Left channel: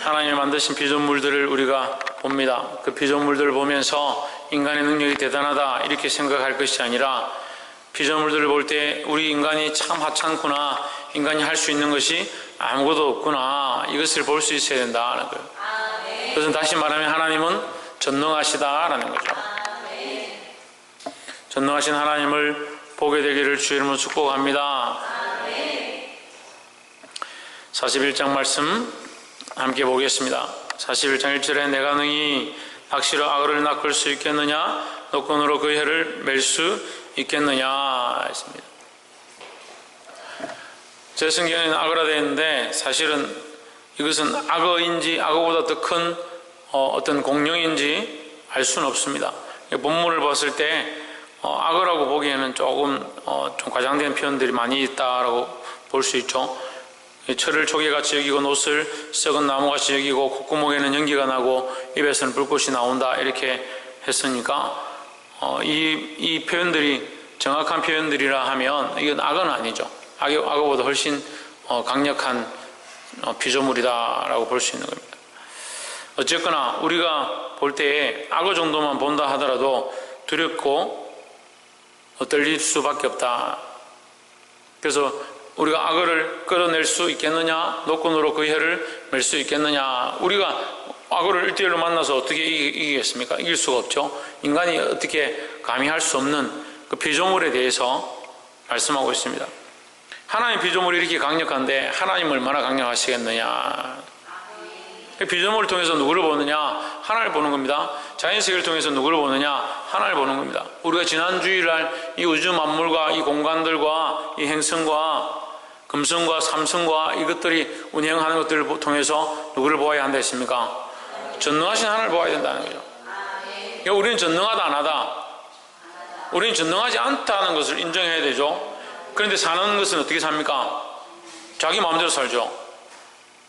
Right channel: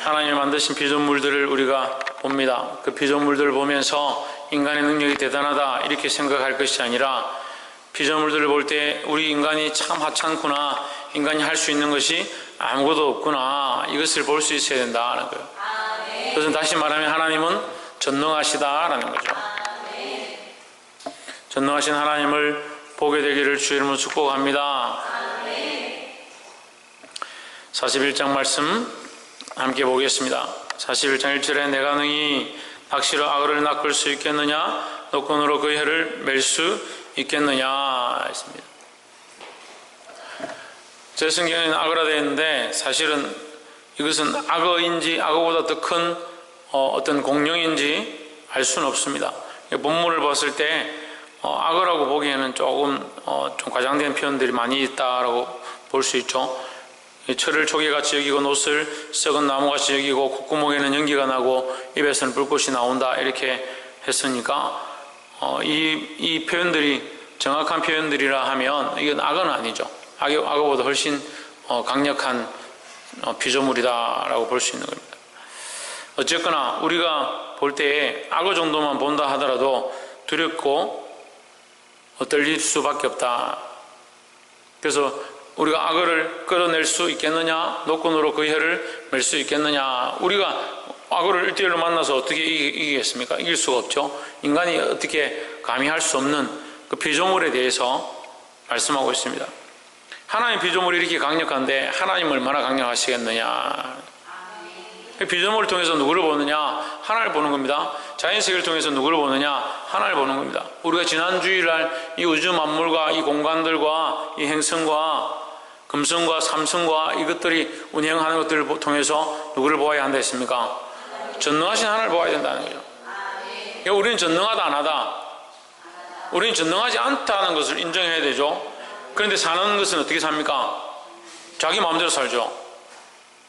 하나님이 만드신 피조물들을 우리가 봅니다. 그 피조물들을 보면서 인간의 능력이 대단하다 이렇게 생각할 것이 아니라 피조물들을 볼 때 우리 인간이 참 하찮구나, 인간이 할 수 있는 것이 아무것도 없구나, 이것을 볼 수 있어야 된다는 거예요. 그래서 다시 말하면 하나님은 전능하시다라는 거죠. 전능하신 하나님을 보게 되기를 주의 이름으로 축복합니다. 41장 말씀 함께 보겠습니다. 41장 1절에 내가 능히 낚시로 악어를 낚을 수 있겠느냐, 노끈으로 그 혀를 맬 수 있겠느냐 했습니다. 제 성경에는 악어라 되어 있는데 사실은 이것은 악어인지 악어보다 더 큰 어떤 공룡인지 알 수는 없습니다. 본문을 봤을 때 악어라고 보기에는 조금 좀 과장된 표현들이 많이 있다라고 볼 수 있죠. 철을 조개같이 여기고 노스를 썩은 나무같이 여기고 콧구멍에는 연기가 나고 입에서는 불꽃이 나온다 이렇게 했으니까 이 표현들이 정확한 표현들이라 하면 이건 악어는 아니죠. 악어보다 훨씬 강력한 피조물이다라고 볼 수 있는 겁니다. 어쨌거나 우리가 볼 때에 악어 정도만 본다 하더라도 두렵고 떨릴 수밖에 없다. 그래서 우리가 악어를 끌어낼 수 있겠느냐, 노끈으로 그 혀를 맬 수 있겠느냐. 우리가 악어를 1대1로 만나서 어떻게 이기겠습니까? 이길 수가 없죠. 인간이 어떻게 감히 할 수 없는 그 피조물에 대해서 말씀하고 있습니다. 하나님 피조물이 이렇게 강력한데 하나님 얼마나 강력하시겠느냐. 피조물을 통해서 누구를 보느냐? 하나님을 보는 겁니다. 자연세계를 통해서 누구를 보느냐? 하나님을 보는 겁니다. 우리가 지난 주일날 이 우주 만물과 이 공간들과 이 행성과 금성과 삼성과 이것들이 운행하는 것들을 통해서 누구를 보아야 한다 했습니까? 전능하신 하나님을 보아야 된다는 거죠. 그러니까 우리는 전능하다 안 하다? 우리는 전능하지 않다는 것을 인정해야 되죠. 그런데 사는 것은 어떻게 삽니까? 자기 마음대로 살죠.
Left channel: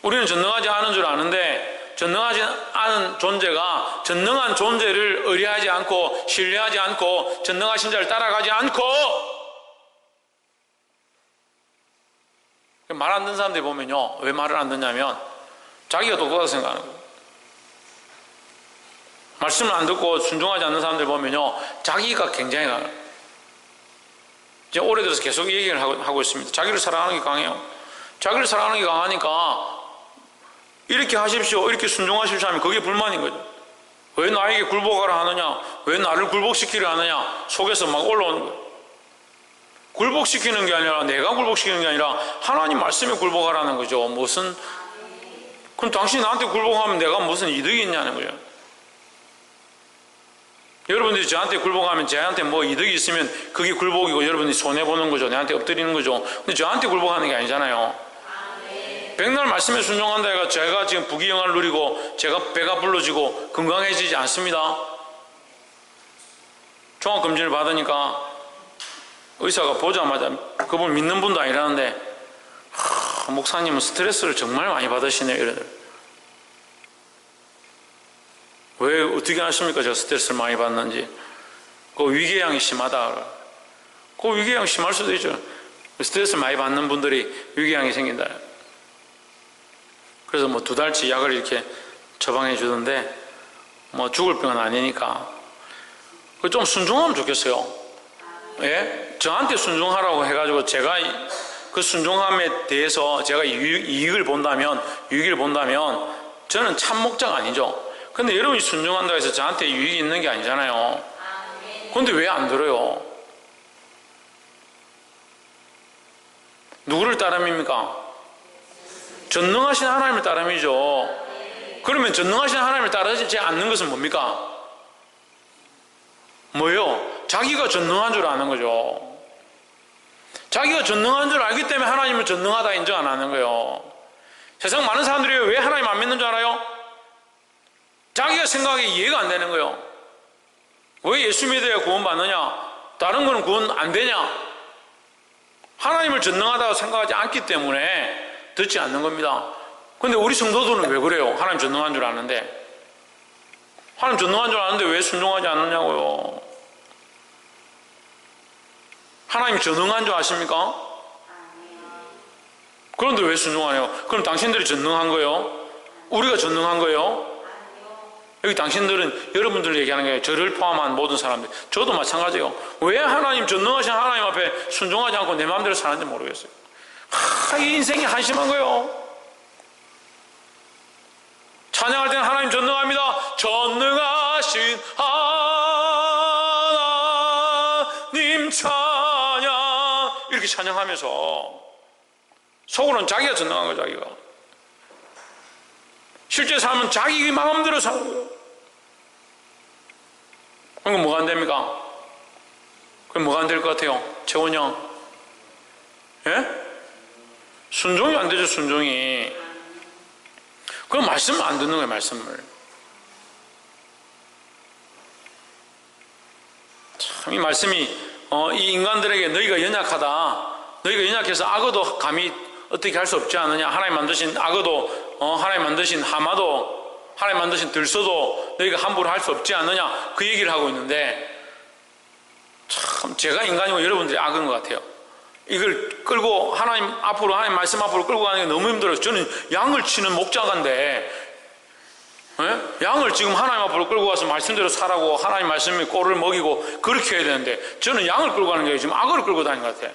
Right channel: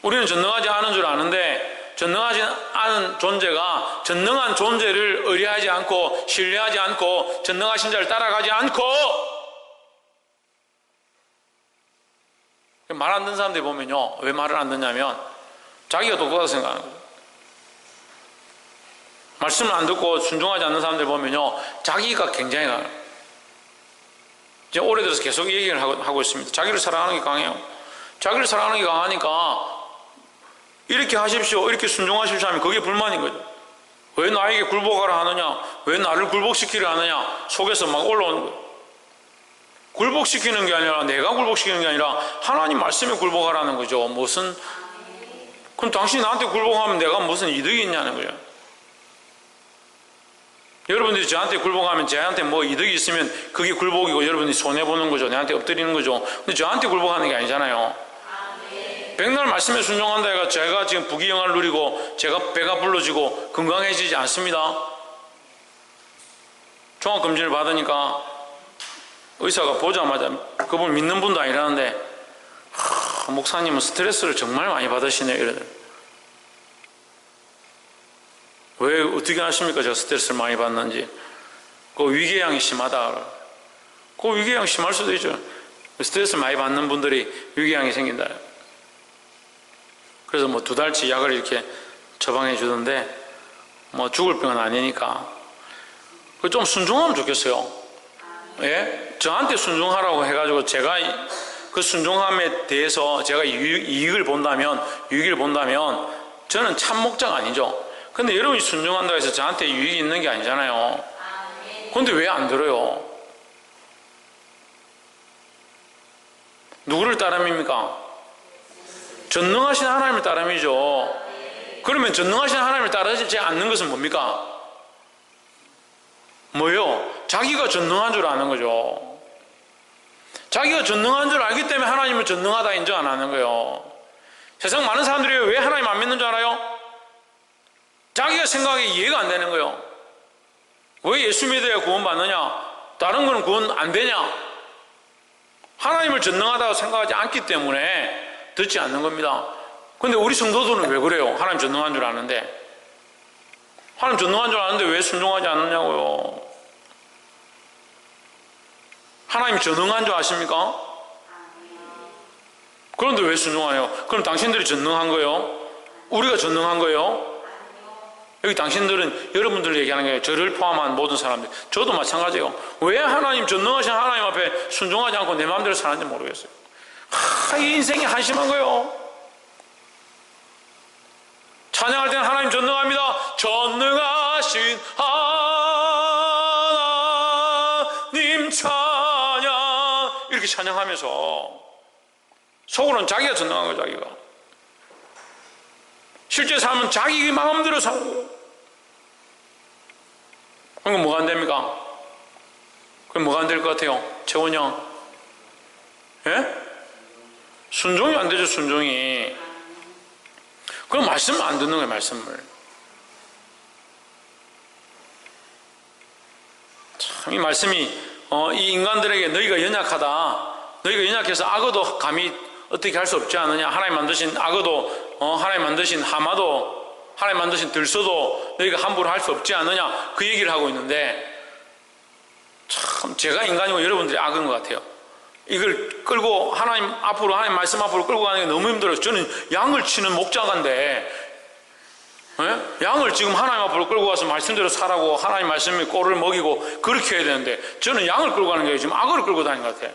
우리는 전능하지 않은 줄 아는데 전능하지 않은 존재가 전능한 존재를 의뢰하지 않고 신뢰하지 않고 전능하신 자를 따라가지 않고 말 안 듣는 사람들 보면요, 왜 말을 안 듣냐면 자기가 똑똑하다고 생각하는 거예요. 말씀을 안 듣고 순종하지 않는 사람들 보면요, 자기가 굉장히 강해요. 이제 올해 들어서 계속 얘기를 하고 있습니다. 자기를 사랑하는 게 강해요. 자기를 사랑하는 게 강하니까 이렇게 하십시오, 이렇게 순종하십시오 하면 그게 불만인 거죠. 왜 나에게 굴복하라 하느냐, 왜 나를 굴복시키려 하느냐, 속에서 막 올라오는 거예요. 굴복시키는 게 아니라, 내가 굴복시키는 게 아니라 하나님 말씀에 굴복하라는 거죠. 무슨, 그럼 당신이 나한테 굴복하면 내가 무슨 이득이 있냐는 거예요. 여러분들이 저한테 굴복하면 저한테 뭐 이득이 있으면 그게 굴복이고 여러분들이 손해보는 거죠. 내한테 엎드리는 거죠. 근데 저한테 굴복하는 게 아니잖아요. 백날 말씀에 순종한다 해가 제가 지금 부귀영화를 누리고 제가 배가 불러지고 건강해지지 않습니다. 종합검진을 받으니까 의사가 보자마자 그분 믿는 분도 아니라는데 목사님은 스트레스를 정말 많이 받으시네요 이러더라고요. 왜 어떻게 아십니까? 제가 스트레스를 많이 받는지. 그 위궤양이 심하다. 그 위궤양 심할 수도 있죠. 스트레스를 많이 받는 분들이 위궤양이 생긴다. 그래서 뭐 2달치 약을 이렇게 처방해 주던데 뭐 죽을 병은 아니니까 좀 순종하면 좋겠어요. 예? 저한테 순종하라고 해가지고 제가 그 순종함에 대해서 제가 유익을 본다면 저는 참 목자가 아니죠. 근데 여러분이 순종한다고 해서 저한테 유익이 있는 게 아니잖아요. 근데 왜 안 들어요? 누구를 따름입니까? 전능하신 하나님을 따름이죠. 그러면 전능하신 하나님을 따르지 않는 것은 뭡니까? 뭐요? 자기가 전능한 줄 아는 거죠. 자기가 전능한 줄 알기 때문에 하나님을 전능하다 인정 안 하는 거예요. 세상 많은 사람들이 왜 하나님 안 믿는 줄 알아요? 자기가 생각하기에 이해가 안 되는 거예요. 왜 예수 믿어야 구원 받느냐? 다른 거는 구원 안 되냐? 하나님을 전능하다고 생각하지 않기 때문에 듣지 않는 겁니다. 근데 우리 성도들은 왜 그래요? 하나님 전능한 줄 아는데. 하나님 전능한 줄 아는데 왜 순종하지 않느냐고요. 하나님 전능한 줄 아십니까? 그런데 왜 순종하냐고. 그럼 당신들이 전능한 거예요? 우리가 전능한 거예요? 여기 당신들은 여러분들 얘기하는 게 저를 포함한 모든 사람들, 저도 마찬가지예요. 왜 하나님, 전능하신 하나님 앞에 순종하지 않고 내 마음대로 사는지 모르겠어요. 이 인생이 한심한 거예요. 찬양할 때는 하나님 전능합니다. 전능하신 하나님 찬양, 이렇게 찬양하면서 속으로는 자기가 전능한 거예요. 자기가. 실제 삶은 자기 마음대로 사는 거예요. 그럼 뭐가 안 됩니까? 그럼 뭐가 안 될 것 같아요? 재원이 형. 예? 순종이 안 되죠, 순종이. 그럼 말씀을 안 듣는 거예요, 말씀을. 참, 이 말씀이, 이 인간들에게 너희가 연약하다. 너희가 연약해서 악어도 감히 어떻게 할 수 없지 않느냐. 하나님 만드신 악어도, 하나님 만드신 하마도, 하나님 만드신 들소도 너희가 함부로 할 수 없지 않느냐. 그 얘기를 하고 있는데, 참, 제가 인간이고 여러분들이 악은 것 같아요. 이걸 끌고 하나님 앞으로, 하나님 말씀 앞으로 끌고 가는 게 너무 힘들어요. 저는 양을 치는 목자가인데, 양을 지금 하나님 앞으로 끌고 가서 말씀대로 살라고 하나님 말씀에 꼴을 먹이고 그렇게 해야 되는데, 저는 양을 끌고 가는 게 지금 악어를 끌고 다니는 것 같아요.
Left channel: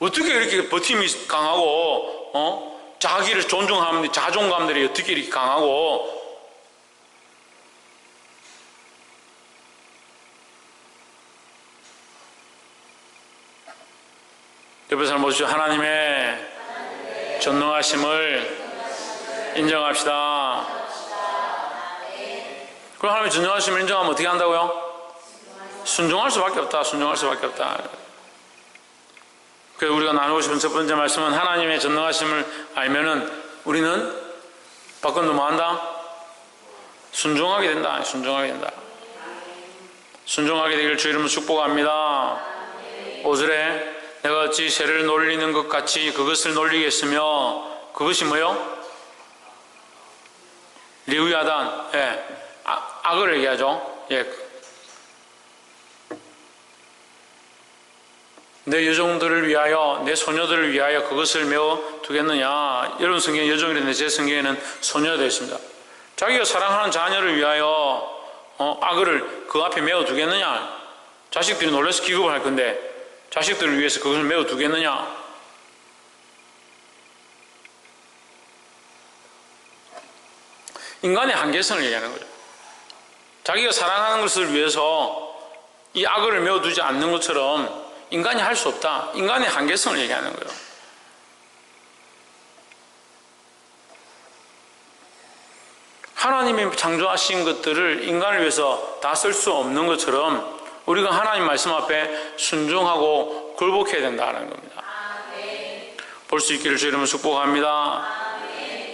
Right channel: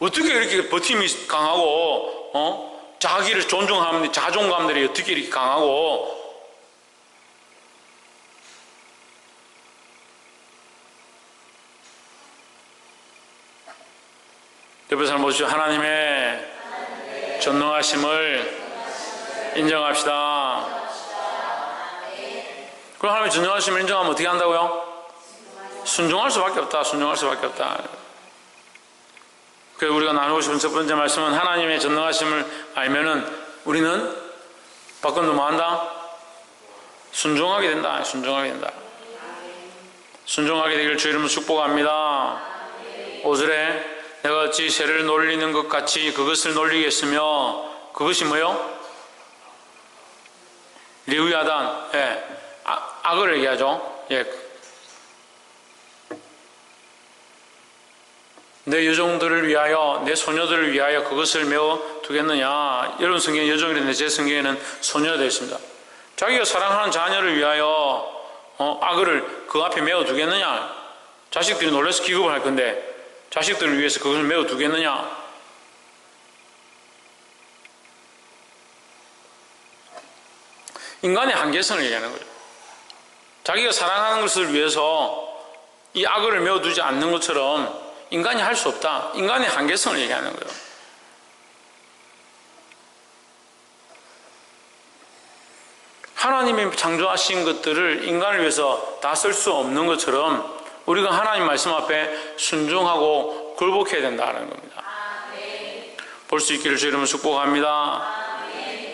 어떻게 이렇게 버팀이 강하고, 자기를 존중하는 자존감들이 어떻게 이렇게 강하고, 옆에 사람 보시죠. 하나님의 전능하심을 인정합시다. 그럼 하나님의 전능하심을 인정하면 어떻게 한다고요? 순종할 수밖에 없다. 순종할 수밖에 없다. 그래서 우리가 나누고 싶은 첫 번째 말씀은, 하나님의 전능하심을 알면은 우리는 바꾼 뭐 한다? 순종하게 된다. 순종하게 된다. 순종하게 되길 주 이름으로 축복합니다. 5절에 내가 어찌 새를 놀리는 것 같이 그것을 놀리겠으며, 그것이 뭐요? 레위야단, 예, 악을 얘기하죠. 예. 내 여종들을 위하여, 내 소녀들을 위하여 그것을 메워 두겠느냐. 여러분 성경에 여종이라는데 제 성경에는 소녀가 되어 있습니다. 자기가 사랑하는 자녀를 위하여 악을 그 앞에 메워 두겠느냐. 자식들이 놀라서 기겁을 할 건데 자식들을 위해서 그것을 메워 두겠느냐. 인간의 한계성을 얘기하는 거죠. 자기가 사랑하는 것을 위해서 이 악을 메워 두지 않는 것처럼 인간이 할 수 없다. 인간의 한계성을 얘기하는 거예요. 하나님이 창조하신 것들을 인간을 위해서 다 쓸 수 없는 것처럼 우리가 하나님 말씀 앞에 순종하고 굴복해야 된다는 겁니다. 볼 수 있기를 주 이름으로 축복합니다.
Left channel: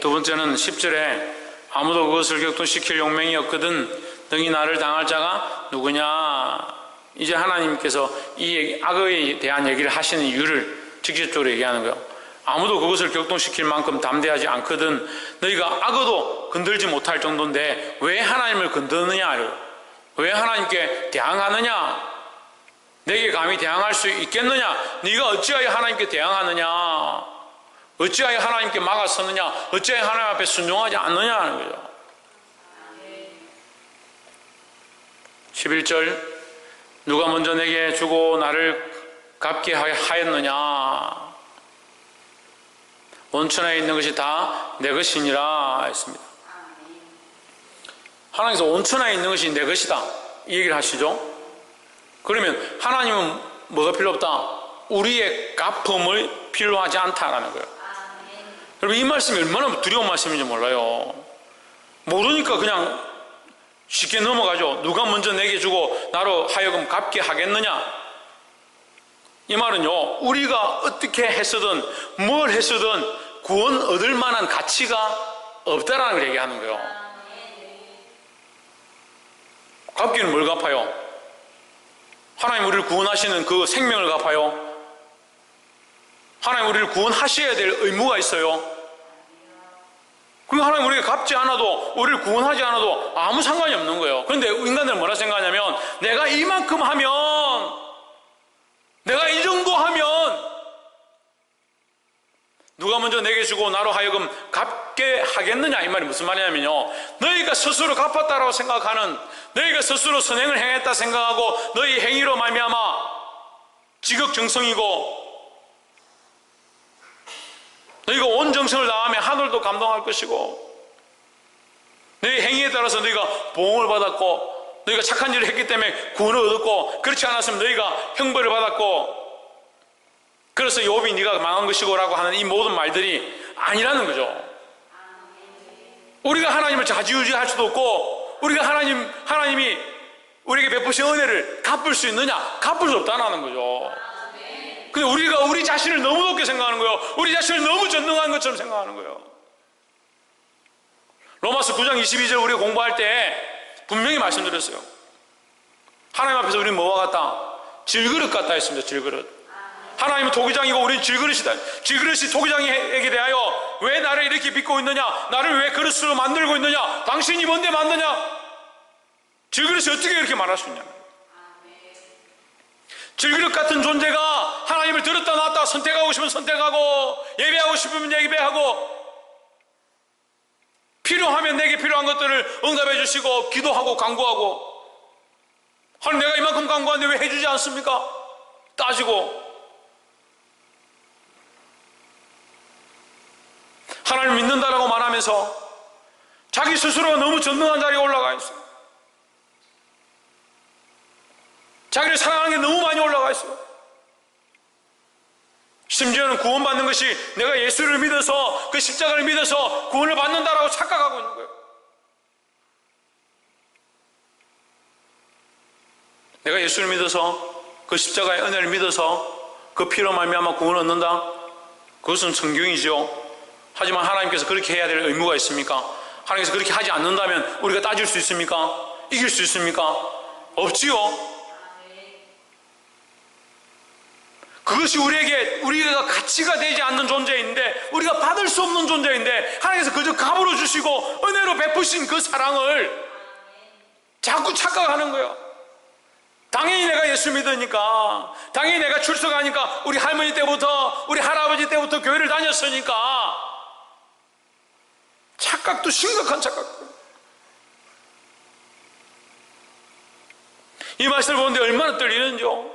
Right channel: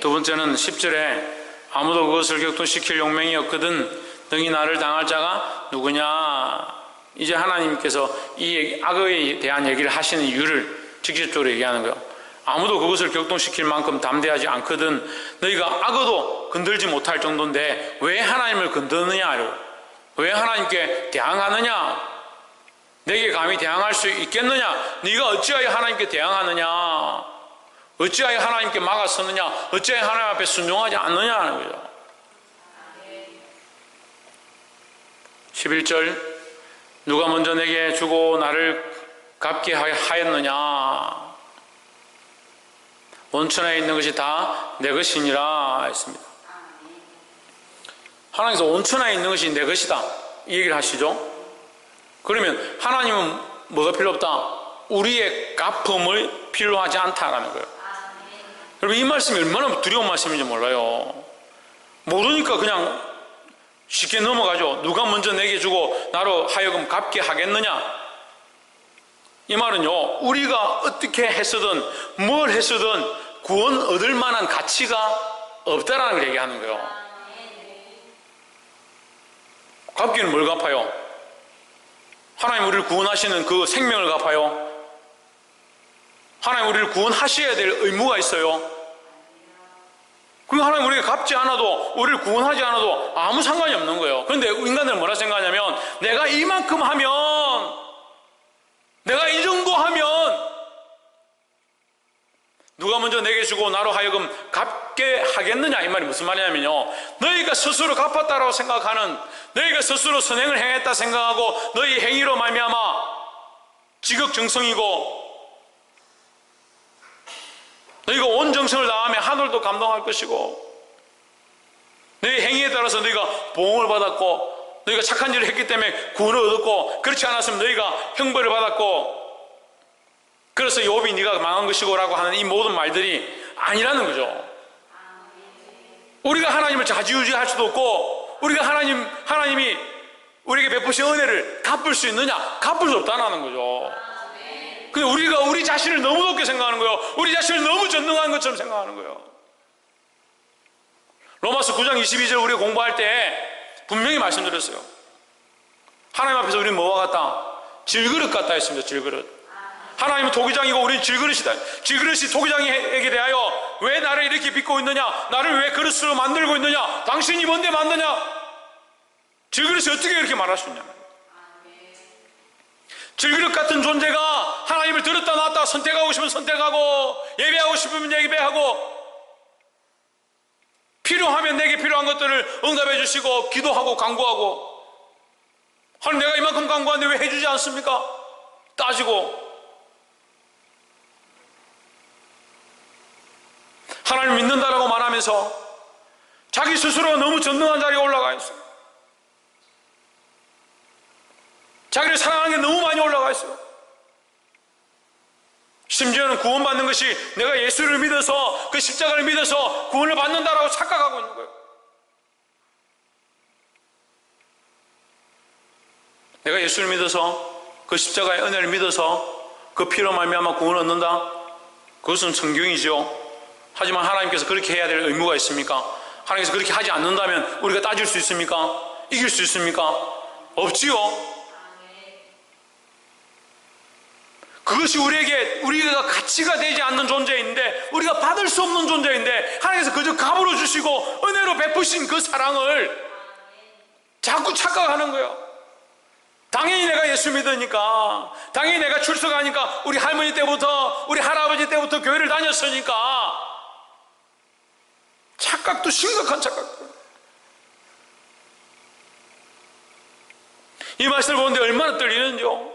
두 번째는 10절에 아무도 그것을 격동시킬 용맹이 없거든 능히 나를 당할 자가 누구냐. 이제 하나님께서 이 악에 대한 얘기를 하시는 이유를 직접적으로 얘기하는 거예요. 아무도 그것을 격동시킬 만큼 담대하지 않거든 너희가 악어도 건들지 못할 정도인데 왜 하나님을 건드느냐. 왜 하나님께 대항하느냐. 내게 감히 대항할 수 있겠느냐. 네가 어찌하여 하나님께 대항하느냐. 어찌하여 하나님께 막아서느냐. 어찌하여 하나님 앞에 순종하지 않느냐 하는 거죠. 11절 누가 먼저 내게 주고 나를 갚게 하였느냐. 원천에 있는 것이 다 내 것이니라 했습니다. 하나님께서 온천에 있는 것이 내 것이다 이 얘기를 하시죠. 그러면 하나님은 뭐가 필요 없다? 우리의 갚음을 필요하지 않다라는 거예요. 여러분 이 말씀이 얼마나 두려운 말씀인지 몰라요. 모르니까 그냥 쉽게 넘어가죠. 누가 먼저 내게 주고 나로 하여금 갚게 하겠느냐. 이 말은요 우리가 어떻게 했어든 뭘 했어든 구원 얻을 만한 가치가 없다라는 걸 얘기하는 거예요. 갚기는 뭘 갚아요? 하나님 우리를 구원하시는 그 생명을 갚아요? 하나님 우리를 구원하셔야 될 의무가 있어요. 그 하나님 우리가 갚지 않아도 우리를 구원하지 않아도 아무 상관이 없는 거예요. 그런데 인간들은 뭐라 생각하냐면 내가 이만큼 하면 내가 이 정도 하면 누가 누가 먼저 내게 주고 나로 하여금 갚게 하겠느냐, 이 말이 무슨 말이냐면요, 너희가 스스로 갚았다라고 생각하는, 너희가 스스로 선행을 행했다 생각하고 너희 행위로 말미암아 지극정성이고 너희가 온 정성을 다하면 하늘도 감동할 것이고, 너희 행위에 따라서 너희가 보응을 받았고, 너희가 착한 일을 했기 때문에 구원을 얻었고, 그렇지 않았으면 너희가 형벌을 받았고, 그래서 욥이 네가 망한 것이고 라고 하는 이 모든 말들이 아니라는 거죠. 우리가 하나님을 좌지우지할 수도 없고, 우리가 하나님이 우리에게 베푸신 은혜를 갚을 수 있느냐? 갚을 수 없다는 거죠. 근데 우리가 우리 자신을 너무 높게 생각하는 거예요. 우리 자신을 너무 전능한 것처럼 생각하는 거예요. 로마서 9장 22절 우리가 공부할 때 분명히 말씀드렸어요. 하나님 앞에서 우리는 뭐와 같다? 질그릇 같다 했습니다. 질그릇. 하나님은 토기장이고 우리는 질그릇이다. 질그릇이 토기장에게 대하여 왜 나를 이렇게 빚고 있느냐? 나를 왜 그릇으로 만들고 있느냐? 당신이 뭔데 만드냐? 질그릇이 어떻게 이렇게 말할 수 있냐? 질그릇 같은 존재가 하나님을 들었다 놨다 선택하고 싶으면 선택하고, 예배하고 싶으면 예배하고, 필요하면 내게 필요한 것들을 응답해 주시고, 기도하고 간구하고, 하나님 내가 이만큼 간구하는데 왜 해주지 않습니까? 따지고, 하나님을 믿는다라고 말하면서 자기 스스로가 너무 전능한 자리에 올라가 있어요. 자기를 사랑하는 게 너무 많이 올라가 있어요. 심지어는 구원받는 것이 내가 예수를 믿어서, 그 십자가를 믿어서 구원을 받는다라고 착각하고 있는 거예요. 내가 예수를 믿어서, 그 십자가의 은혜를 믿어서 그 피로 말미암아 구원을 얻는다? 그것은 성경이죠. 하지만 하나님께서 그렇게 해야 될 의무가 있습니까? 하나님께서 그렇게 하지 않는다면 우리가 따질 수 있습니까? 이길 수 있습니까? 없지요. 그것이 우리가 가치가 되지 않는 존재인데, 우리가 받을 수 없는 존재인데, 하나님께서 그저 값으로 주시고 은혜로 베푸신 그 사랑을 자꾸 착각하는 거예요. 당연히 내가 예수 믿으니까, 당연히 내가 출석하니까, 우리 할머니 때부터, 우리 할아버지 때부터 교회를 다녔으니까. 착각도 심각한 착각도. 이 말씀을 보는데 얼마나 떨리는지요.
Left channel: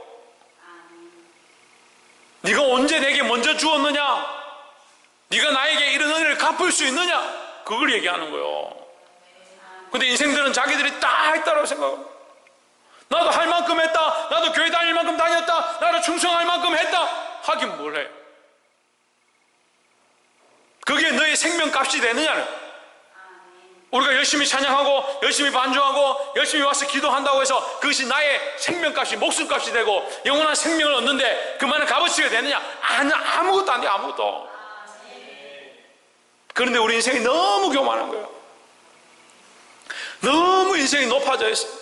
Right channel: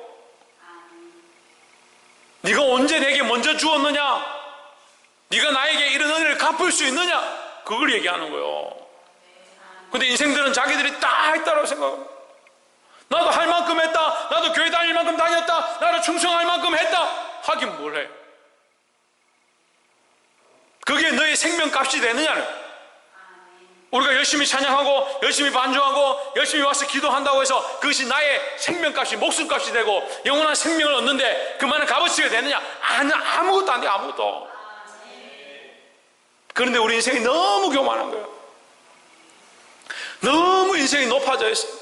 네가 언제 내게 먼저 주었느냐? 네가 나에게 이런 은혜를 갚을 수 있느냐? 그걸 얘기하는 거예요. 근데 인생들은 자기들이 다 했다고 생각합니다. 나도 할 만큼 했다, 나도 교회 다닐 만큼 다녔다, 나도 충성할 만큼 했다. 하긴 뭘 해? 그게 너의 생명값이 되느냐는. 우리가 열심히 찬양하고 열심히 반주하고 열심히 와서 기도한다고 해서 그것이 나의 생명값이, 목숨값이 되고 영원한 생명을 얻는데 그만한 값어치가 되느냐? 아무것도 안 돼. 아무것도. 그런데 우리 인생이 너무 교만한 거예요. 너무 인생이 높아져 있어요.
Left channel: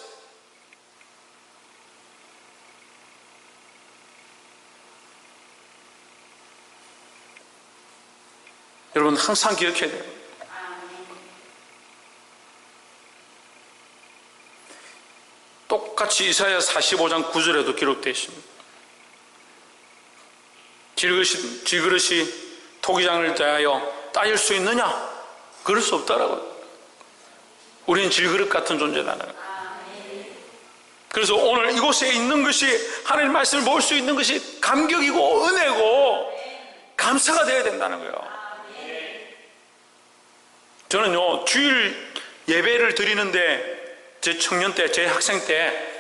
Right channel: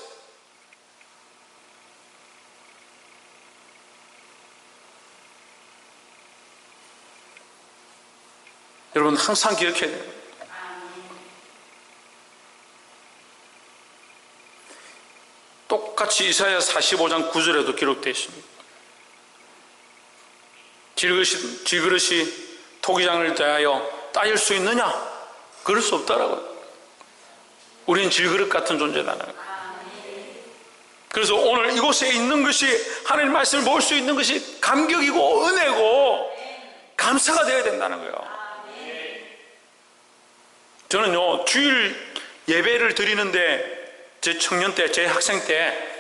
여러분 항상 기억해야 돼요. 똑같이 이사야 45장 9절에도 기록되어 있습니다. 질그릇이 토기장을 대하여 따질 수 있느냐? 그럴 수 없다라고요. 우리는 질그릇 같은 존재라는 거예요. 그래서 오늘 이곳에 있는 것이, 하나님 말씀을 볼 수 있는 것이 감격이고 은혜고 감사가 되어야 된다는 거예요. 저는요, 주일 예배를 드리는데, 제 청년 때, 제 학생 때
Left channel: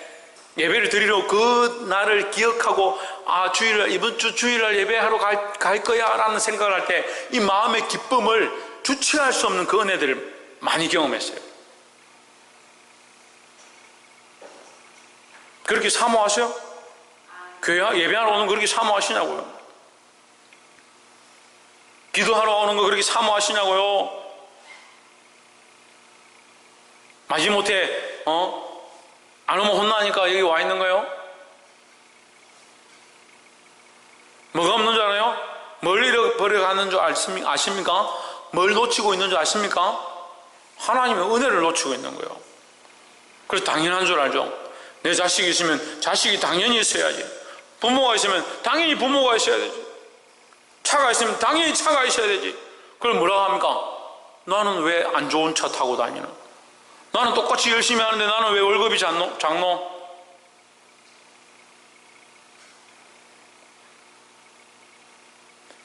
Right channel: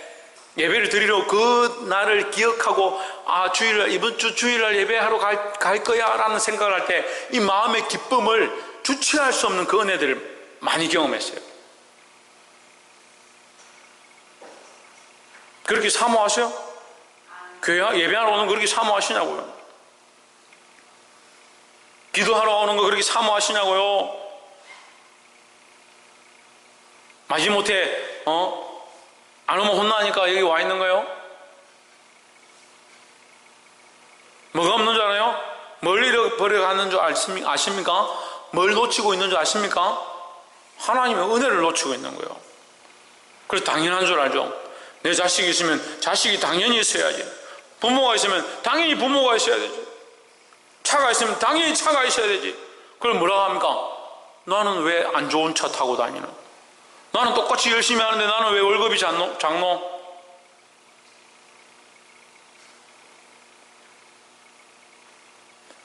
예배를 드리러 그 날을 기억하고, 주일날, 이번 주 주일날 예배하러 갈 거야 라는 생각을 할 때 이 마음의 기쁨을 주체할 수 없는 그 은혜들을 많이 경험했어요. 그렇게 사모하세요? 교회 예배하러 오는 거 그렇게 사모하시냐고요? 기도하러 오는 거 그렇게 사모하시냐고요? 마지못해 안 오면 혼나니까 여기 와 있는 거예요? 뭐가 없는 줄 알아요? 뭘 잃어버려가는 줄 아십니까? 뭘 놓치고 있는 줄 아십니까? 하나님의 은혜를 놓치고 있는 거예요. 그래서 당연한 줄 알죠. 내 자식이 있으면 자식이 당연히 있어야지. 부모가 있으면 당연히 부모가 있어야 되죠. 차가 있으면 당연히 차가 있어야 되지. 그걸 뭐라고 합니까? 나는 왜 안 좋은 차 타고 다니는? 나는 똑같이 열심히 하는데 나는 왜 월급이 작노?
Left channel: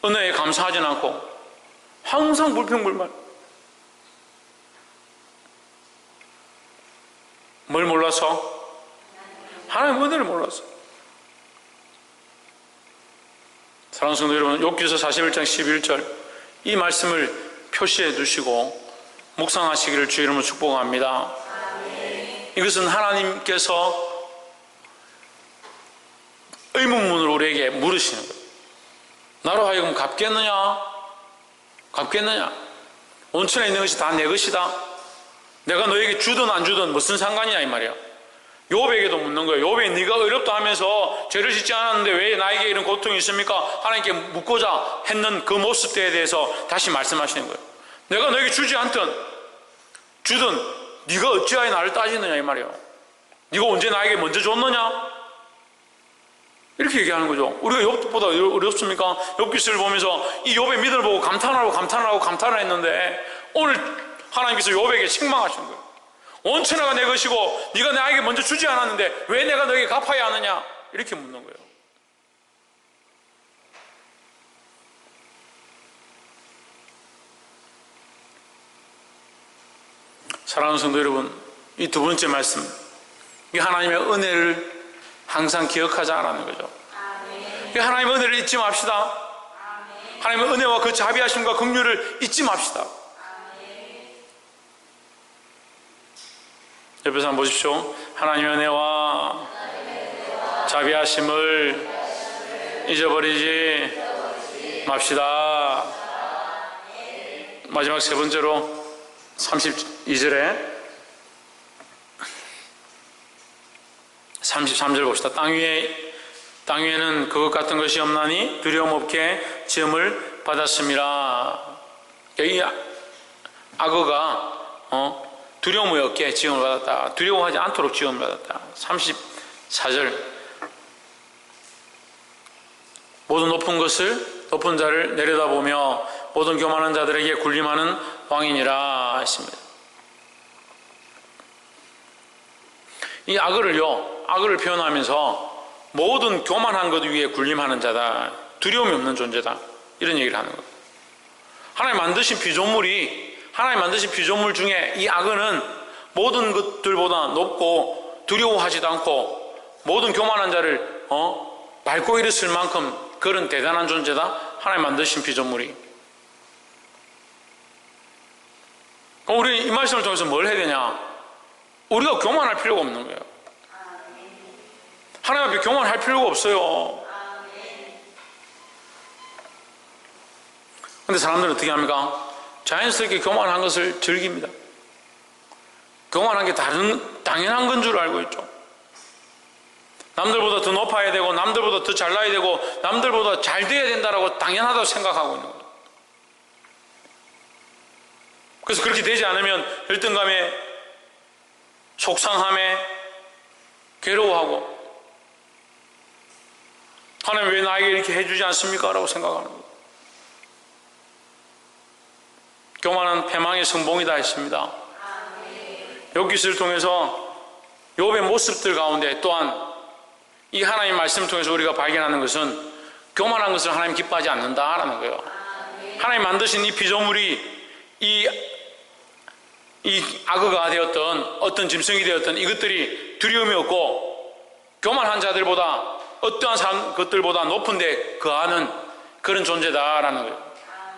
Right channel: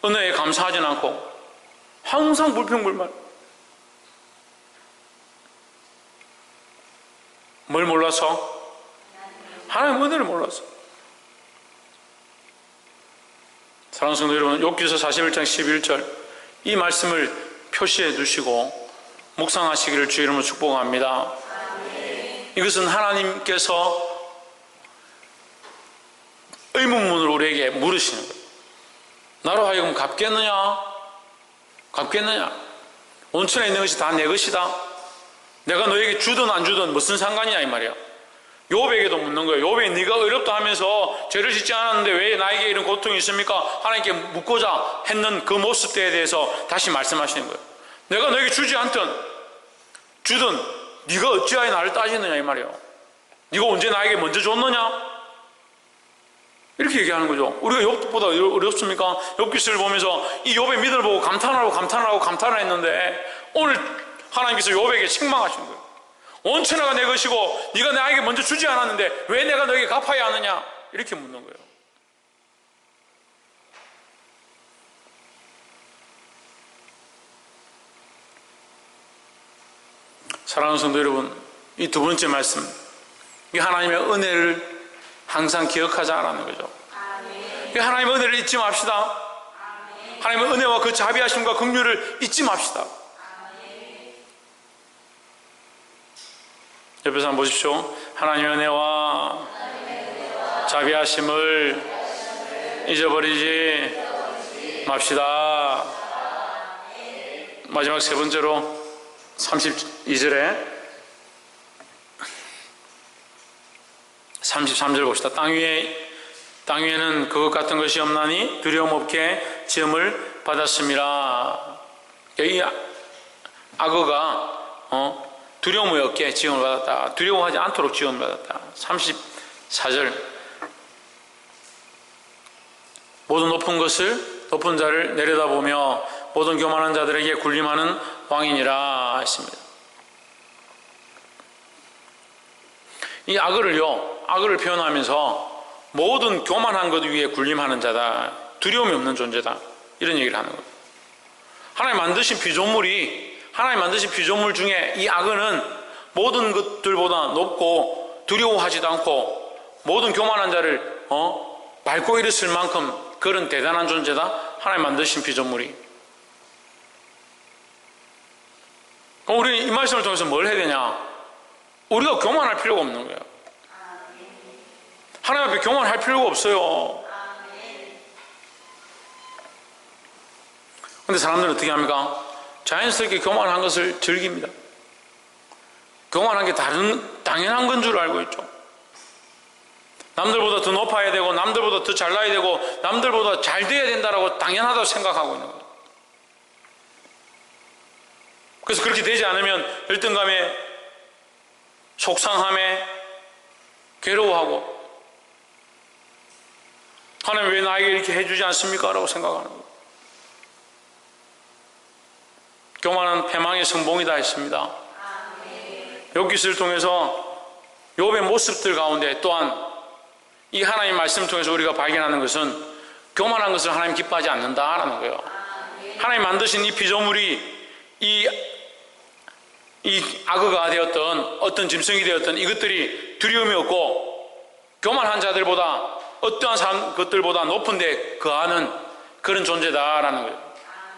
은혜에 감사하진 않고 항상 불평불만. 뭘 몰라서? 하나님 은혜를 몰라서. 사랑하는 성도 여러분, 욥기서 41장 11절 이 말씀을 표시해 두시고 묵상하시기를 주 이름으로 축복합니다. 이것은 하나님께서 의문문으로 우리에게 물으시는 거예요. 나로 하여금 갚겠느냐? 갚겠느냐? 온천에 있는 것이 다 내 것이다. 내가 너에게 주든 안 주든 무슨 상관이냐 이 말이야. 욥에게도 묻는 거예요. 욥이 네가 의롭다 하면서 죄를 짓지 않았는데 왜 나에게 이런 고통이 있습니까? 하나님께 묻고자 했는 그 모습에 대해서 다시 말씀하시는 거예요. 내가 너에게 주지 않든 주든 네가 어찌하여 나를 따지느냐 이 말이에요. 네가 언제 나에게 먼저 줬느냐? 이렇게 얘기하는 거죠. 우리가 욥보다 어렵습니까? 욥기서를 보면서 이 욥의 믿음을 보고 감탄을 했는데 오늘 하나님께서 욥에게 책망하시는 거예요. 온 천하가 내 것이고 네가 나에게 먼저 주지 않았는데 왜 내가 너에게 갚아야 하느냐? 이렇게 묻는 거예요. 사랑하는 성도 여러분, 이 두 번째 말씀, 이 하나님의 은혜를 항상 기억하자라는 거죠. 이 하나님의 은혜를 잊지 맙시다. 하나님의 은혜와 그 자비하심과 긍휼을 잊지 맙시다. 옆에서 한번 보십시오. 하나님의 은혜와 자비하심을 잊어버리지 맙시다. 마지막 세 번째로 32절에 33절 봅시다. 땅 위에는 그것 같은 것이 없나니 두려움 없게 지음을 받았습니다. 이 악어가 두려움이 없게 지음을 받았다. 두려워하지 않도록 지음을 받았다. 34절 모든 높은 자를 내려다보며 모든 교만한 자들에게 군림하는 왕이니라 했습니다. 이 악을 표현하면서 모든 교만한 것 위에 군림하는 자다. 두려움이 없는 존재다. 이런 얘기를 하는 거예요. 하나님 만드신 피조물 중에 이 악어는 모든 것들보다 높고 두려워하지도 않고 모든 교만한 자를 밟고 일었을 만큼 그런 대단한 존재다. 하나님 만드신 피조물이. 우리 이 말씀을 통해서 뭘 해야 되냐? 우리가 교만할 필요가 없는 거예요. 하나님 앞에 교만할 필요가 없어요. 근데 사람들은 어떻게 합니까? 자연스럽게 교만한 것을 즐깁니다. 교만한 게 당연한 건 줄 알고 있죠. 남들보다 더 높아야 되고 남들보다 더 잘나야 되고 남들보다 잘 돼야 된다라고 당연하다고 생각하고 있는 거예요. 그래서 그렇게 되지 않으면 열등감에 속상함에 괴로워하고 하나님 왜 나에게 이렇게 해주지 않습니까? 라고 생각하는 거예요. 교만은 패망의 성봉이다 했습니다. 욥기서를 통해서 욥의 모습들 가운데 또한 이 하나님 말씀을 통해서 우리가 발견하는 것은 교만한 것을 하나님 기뻐하지 않는다라는 거예요. 하나님 만드신 이 피조물이 이 악어가 되었던 어떤 짐승이 되었던 이것들이 두려움이 없고 교만한 자들보다 어떠한 것들보다 높은 데 거하는 그런 존재다라는 거예요.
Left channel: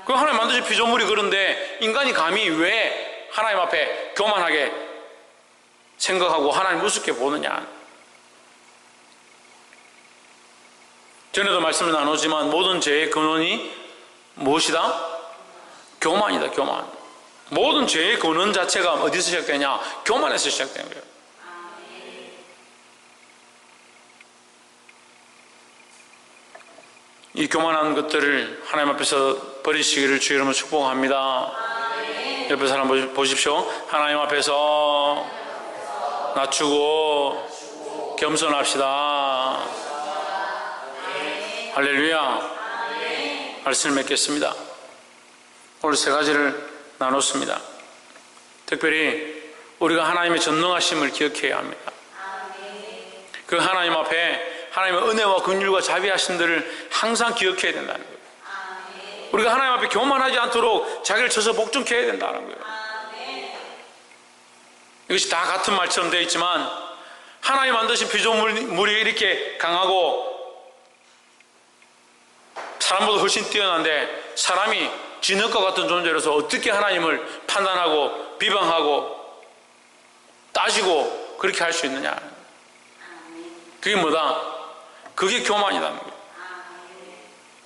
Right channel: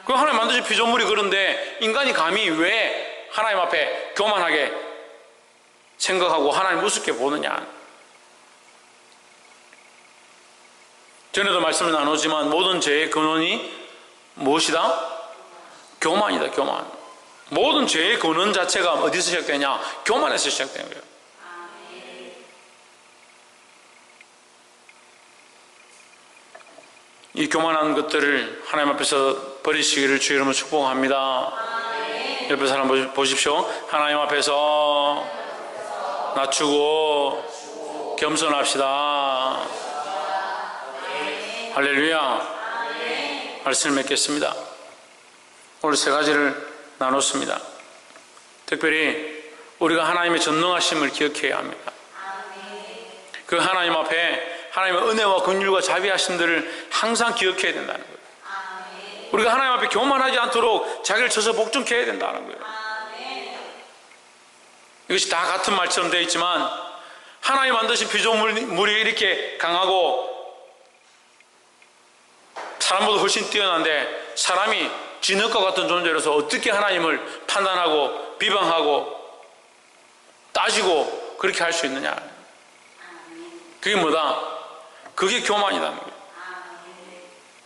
그 하나님 만드신 피조물이 그런데 인간이 감히 왜 하나님 앞에 교만하게 생각하고 하나님 우습게 보느냐. 전에도 말씀을 나누지만 모든 죄의 근원이 무엇이다? 교만이다. 교만. 모든 죄의 근원 자체가 어디서 시작되냐? 교만에서 시작되는 거예요. 이 교만한 것들을 하나님 앞에서 버리시기를 주 이름으로 축복합니다. 옆에 사람 보십시오. 하나님 앞에서 낮추고 겸손합시다. 할렐루야. 말씀을 맺겠습니다. 오늘 세 가지를 나눴습니다. 특별히 우리가 하나님의 전능하심을 기억해야 합니다. 그 하나님 앞에 하나님의 은혜와 긍휼과 자비하심들을 항상 기억해야 된다는 거예요. 우리가 하나님 앞에 교만하지 않도록 자기를 쳐서 복종케 해야 된다는 거예요. 이것이 다 같은 말처럼 되어 있지만 하나님 만드신 피조물이 이렇게 강하고 사람보다 훨씬 뛰어난데 사람이 진흙과 같은 존재로서 어떻게 하나님을 판단하고 비방하고 따지고 그렇게 할 수 있느냐. 그게 뭐다? 그게 교만이라는 거예요.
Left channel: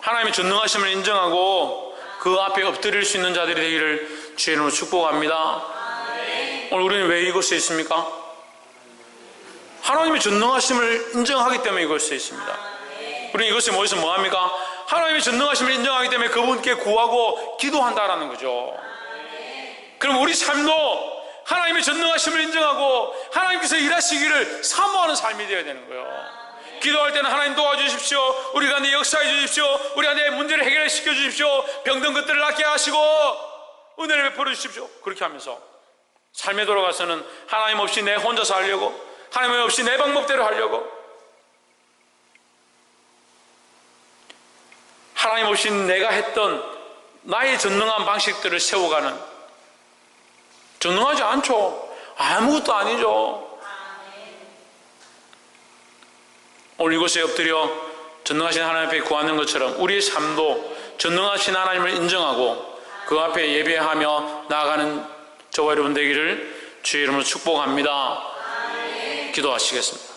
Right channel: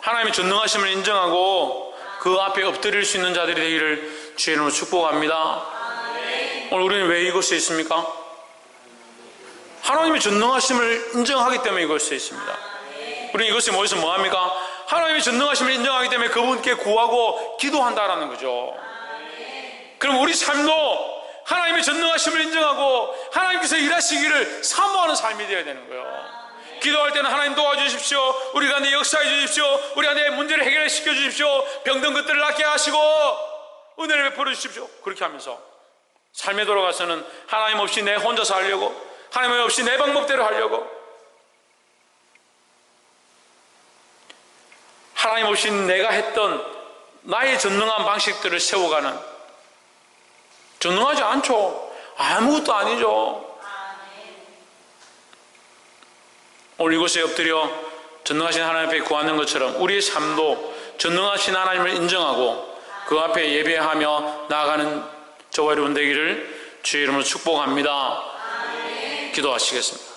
하나님의 전능하심을 인정하고 그 앞에 엎드릴 수 있는 자들이 되기를 주의 이름으로 축복합니다. 오늘 우리는 왜 이곳에 있습니까? 하나님의 전능하심을 인정하기 때문에 이곳에 있습니다. 우리는 이곳에 모여서 뭐합니까? 하나님의 전능하심을 인정하기 때문에 그분께 구하고 기도한다라는 거죠. 그럼 우리 삶도 하나님의 전능하심을 인정하고 하나님께서 일하시기를 사모하는 삶이 되어야 되는 거예요. 기도할 때는 하나님 도와주십시오. 우리 가운데 역사해 주십시오. 우리 가운데 문제를 해결시켜 주십시오. 병든 것들을 낫게 하시고 은혜를 베풀어 주십시오. 그렇게 하면서 삶에 돌아가서는 하나님 없이 내 혼자 살려고, 하나님 없이 내 방법대로 하려고, 하나님 없이 내가 했던 나의 전능한 방식들을 세워가는, 전능하지 않죠. 아무것도 아니죠. 오늘 이곳에 엎드려 전능하신 하나님 앞에 구하는 것처럼 우리의 삶도 전능하신 하나님을 인정하고 그 앞에 예배하며 나아가는 저와 여러분 되기를 주의 이름으로 축복합니다. 기도하시겠습니다.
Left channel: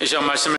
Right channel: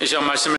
이 시간 말씀을